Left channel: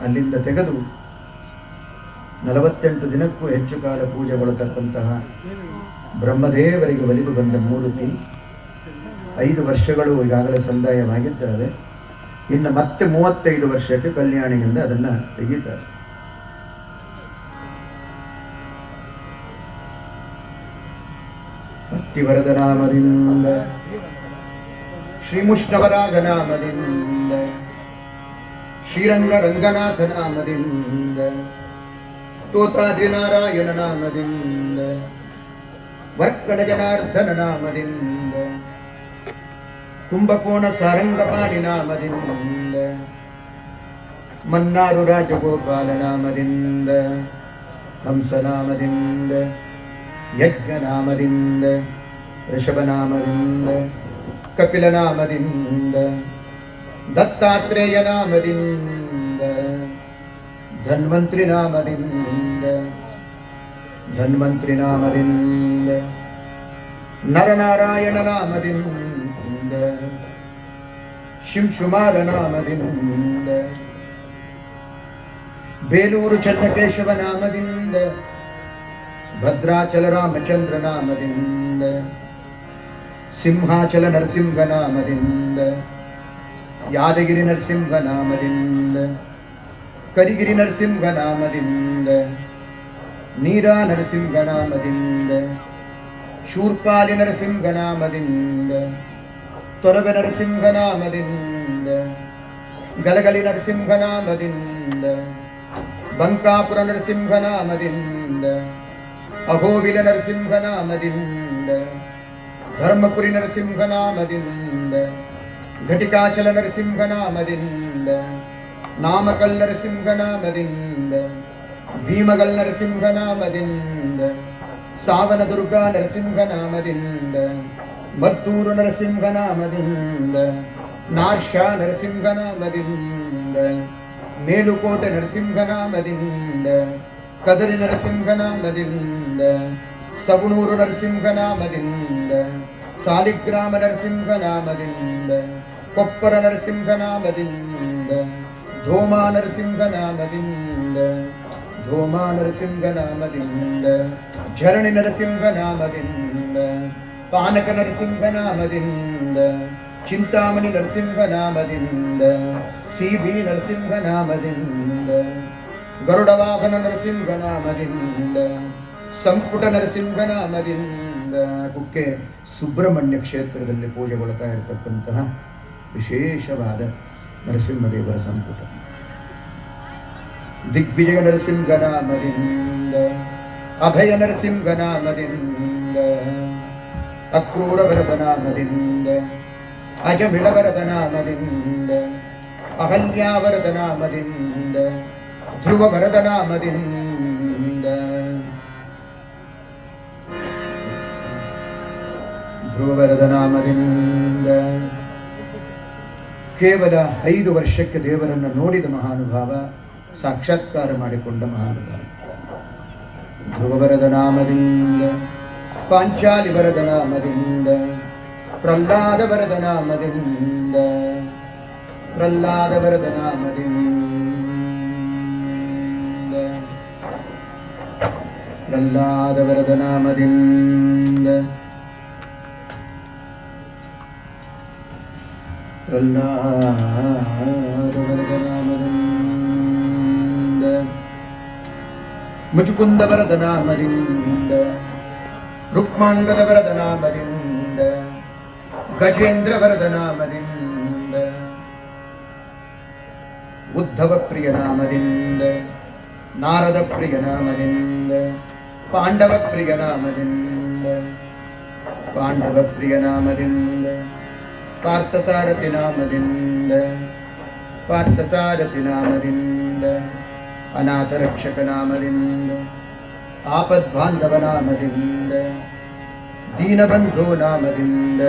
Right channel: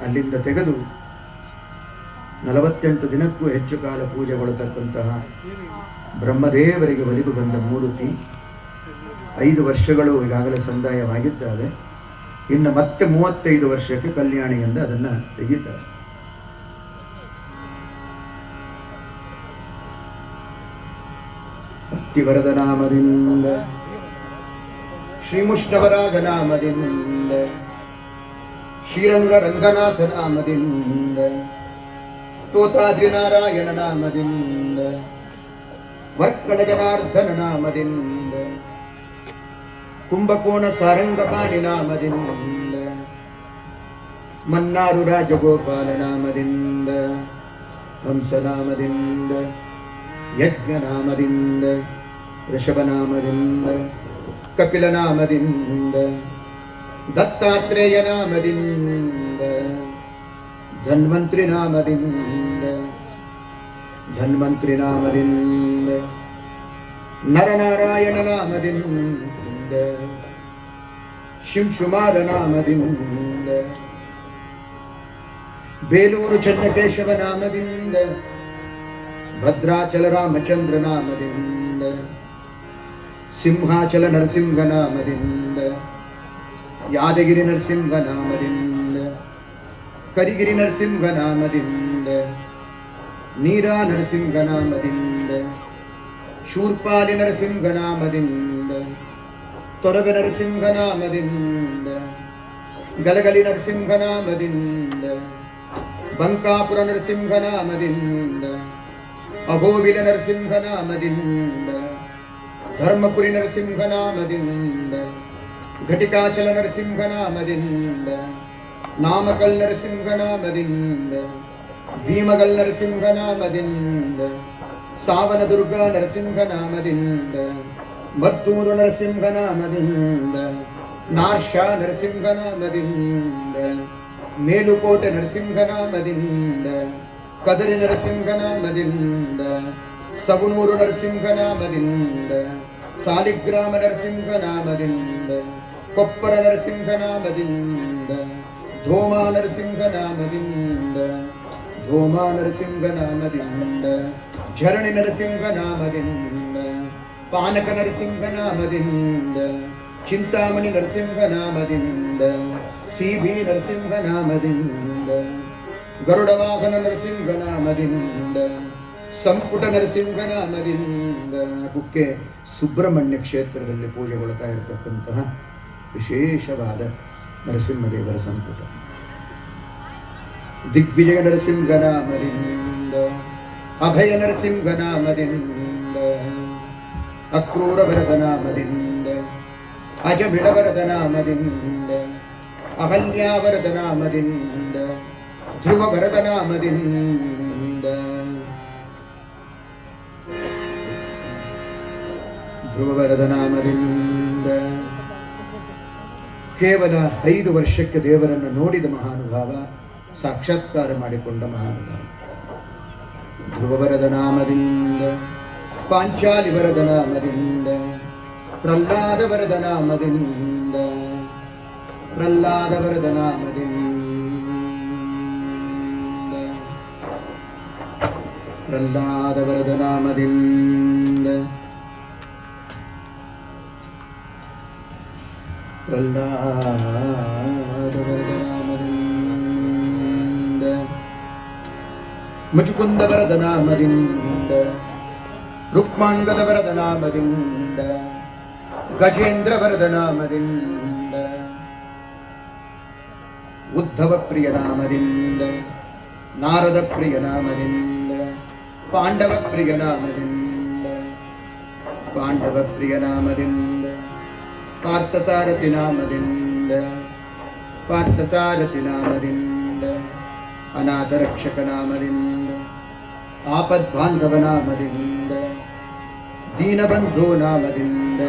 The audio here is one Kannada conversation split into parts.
ಅಲ್ಲಿಂದ ತೆಗೆದು 48 ದಿನಕ್ಕೂ ಹೆಚ್ಚು ಕಾಲ ಪೂಜೆಗೊಳ್ಳತಕ್ಕಂತಹ ಬ್ರಹ್ಮದೇವರಿಗೆ ಒಲಿದು ಬಂದ ಮೂರ್ತಿ 5 ವರ್ಷಗಳು ಈಗಾಗಲೇ ಸಂದಾಯವಾಗಿದ್ದಾವೆ. ಇನ್ನು ಮತ್ತೆ 35 ವರ್ಷಕ್ಕೆ ಕಲ್ಯಾಣಿಯಿಂದ ಅದನ್ನು ತೆಗಿತಾರೆ. ಭಕ್ತಿವರದ ನಾಮದಿಂದ, ಶ್ರೀಮುಷ್ಣವರಾಗ ನಾಮದಿಂದ, ಶ್ರೀರಂಗ ರಂಗನಾಥ ನಾಮದಿಂದ, ತೋತಾದ್ರಿ ನಾರಾಯಣ ನಾಮದಿಂದ, ವರ್ಕಳ ಜನಾರ್ದನ ನಾಮದಿಂದ, ಕುಂಭಕೋಣ ಸಾರಂಗಪಾಣಿ ನಾಮದಿಂದ, ಮನ್ನಾರು ರಾಜಗೋಪಾಲ ನಾಮದಿಂದ, ಹಂಸನಾಮದಿಂದ, ಯಜ್ಞನಾಮದಿಂದ, ಋಷಭನಾಮದಿಂದ, ಕಪಿಲನಾಮದಿಂದ, ದತ್ತಾತ್ರೇಯ ನಾಮದಿಂದ, ಧನ್ವಂತ್ರಿ ನಾಮದಿಂದ, ಧನ್ವಂತ್ರಿ ನಾಮದಿಂದ, ನರನಾರಾಯಣ ನಾಮದಿಂದ, ಶಿಂಶುಮಾಲ ನಾಮದಿಂದ, ಬೇಲೂರು ಚನ್ನಕೇಶವ ನಾಮದಿಂದ, ಭದ್ರಾಚಲ ರಾಮಚಂದ್ರ ನಾಮದಿಂದ, ಸಿಂಹಾಚಲ ನರಸಿಂಹ ನಾಮದಿಂದ, ಯಾದಗಿರಿ ನರಸಿಂಹ ನಾಮದಿಂದ, ಕರಿಗಿರಿ ನರಸಿಂಹ ನಾಮದಿಂದ, ನೀರಾ ನರಸಿಂಹ ನಾಮದಿಂದ, ಶೂರ್ಪಾಲಿ ನರಸಿಂಹ ನಾಮದಿಂದ, ತೊರವೆ ನರಸಿಂಹ ನಾಮದಿಂದ, ಗಲಗಲಿ ನರಸಿಂಹ ನಾಮದಿಂದ, ಬಂಕಾಪುರ ನರಸಿಂಹ ನಾಮದಿಂದ, ಅಹೋಬಿಲ ನರಸಿಂಹ ನಾಮದಿಂದ, ಧರ್ಮಪುರಿ ನರಸಿಂಹ ನಾಮದಿಂದ, ಘಟಿಕಾಚಲ ನರಸಿಂಹ ನಾಮದಿಂದ, ನಾಮಕಲ್ ನರಸಿಂಹ ನಾಮದಿಂದ, ಭೀಮಗಲ್ ನರಸಿಂಹ ನಾಮದಿಂದ, ಸಾವನ ದುರ್ಗಾ ನರಸಿಂಹ ನಾಮದಿಂದ, ಮದ್ದೂರು ನರಸಿಂಹ ನಾಮದಿಂದ, ನಾರ್ಷಾ ನರಸಿಂಹ ನಾಮದಿಂದ, ಮೇಲುಕೋಟೆ ನರಸಿಂಹ ನಾಮದಿಂದ, ಕದರಿ ನರಸಿಂಹ ನಾಮದಿಂದ, ಸಗುಣೂರು ನರಸಿಂಹ ನಾಮದಿಂದ, ಸಾಲಿಗ್ರಾಮ ನರಸಿಂಹ ನಾಮದಿಂದ, ಕೊಪ್ಪರ ನರಸಿಂಹ ನಾಮದಿಂದ, ಧೋಮಾ ನರಸಿಂಹ ನಾಮದಿಂದ, ಧೋಮಾ ನರಸಿಂಹ ನಾಮದಿಂದ, ಝರಣಿ ನರಸಿಂಹ ನಾಮದಿಂದ, ಪಾನಕ ನರಸಿಂಹ ನಾಮದಿಂದ, ಚಿಂತಾಮಣಿ ನರಸಿಂಹ ನಾಮದಿಂದ, ಸಿಬಿ ನರಸಿಂಹ ನಾಮದಿಂದ, ಗರುಡ ವಾಹನ ನರಸಿಂಹ ನಾಮದಿಂದ, ಸಂಪುಟ ನರಸಿಂಹ ನಾಮದಿಂದ, ಕುಕ್ಕೆ ಸುಬ್ರಹ್ಮಣ್ಯ ಕ್ಷೇತ್ರದಲ್ಲಿ ಪೂಜೆಗೊಳ್ತಾ ಇರತಕ್ಕಂತಹ ವಿಶೇಷವಾದ ನರಸಿಂಹದೇವರ ಸಂಪುಟ. ದಿಗ್ವಿಜಯ ನರಸಿಂಹ ನಾಮದಿಂದ, ಅಭಯ ನರಸಿಂಹ ನಾಮದಿಂದ, ಅಕ್ರೂರ ವರದ ನಾಮದಿಂದ, ಅಜಮಿಳವರದ ನಾಮದಿಂದ, ಅಹಲ್ಯಾವರದ ನಾಮದಿಂದ, ಧ್ರುವ ವರದ ನಾಮದಿಂದ, ಧ್ರುವ ವರದ ನಾಮದಿಂದ, ಕೇವಲ 5 ವರ್ಷಕ್ಕೆ ದೇವರನ್ನು ನೋಡಿದ ಮಹಾನುಭಾವ, ಸಾಕ್ಷಾತ್ಕಾರ ಮಾಡಿಕೊಂಡ ಮಹಾನುಭಾವ. ಧ್ರುವ ವರದ ನಾಮದಿಂದ, ಪಾಂಚಾಲಿ ವರದ ನಾಮದಿಂದ, ಪ್ರಹ್ಲಾದ ವರದ ನಾಮದಿಂದ, ಪ್ರಹ್ಲಾದ ವರದ ನಾಮದಿಂದ, ಪ್ರಹ್ಲಾದ ವರದ ನಾಮದಿಂದ, ಪ್ರಹ್ಲಾದ ವರದ ನಾಮದಿಂದ, ಮುಚುಕುಂದ ವರದ ನಾಮದಿಂದ, ರುಕ್ಮಾಂಗದ ವರದ ನಾಮದಿಂದ, ಗಜೇಂದ್ರ ವರದ ನಾಮದಿಂದ, ಉದ್ಧವ ಪ್ರಿಯ ನಾಮದಿಂದ, ನಾರದ ಪ್ರಿಯ ನಾಮದಿಂದ, ಪಾಂಡವ ಪ್ರಿಯ ನಾಮದಿಂದ, ಪಾಂಡವ ಪ್ರಿಯ ನಾಮದಿಂದ, ಪಾರ್ಥಸಾರಥಿ ನಾಮದಿಂದ, ಪಾರ್ಥಸಾರಥಿ ನಾಮದಿಂದ, ಅನಾಥ ರಕ್ಷಕ ನಾಮದಿಂದ, ಆಪದ್ಬಾಂಧವ ನಾಮದಿಂದ, ದೀನಬಂಧೋ ನಾಮದಿಂದ,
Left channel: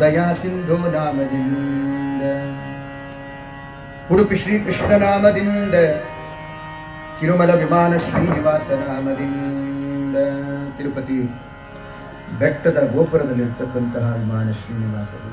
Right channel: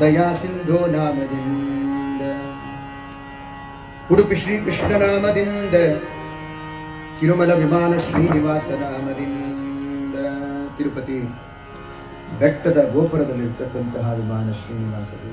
ದಯಾಸಿಂಧೋ ನಾಮದಿಂದ, ಉಡುಪಿ ಶ್ರೀಕೃಷ್ಣ ನಾಮದಿಂದ, ತಿರುಮಲ ವಿಮಾನ ಶ್ರೀನಿವಾಸ ನಾಮದಿಂದ, ತಿರುಪತಿ ಬೆಟ್ಟದ ಗೋಪುರದಲ್ಲಿರ್ತಕ್ಕಂತಹ ವಿಮಾನ ಶ್ರೀನಿವಾಸರು,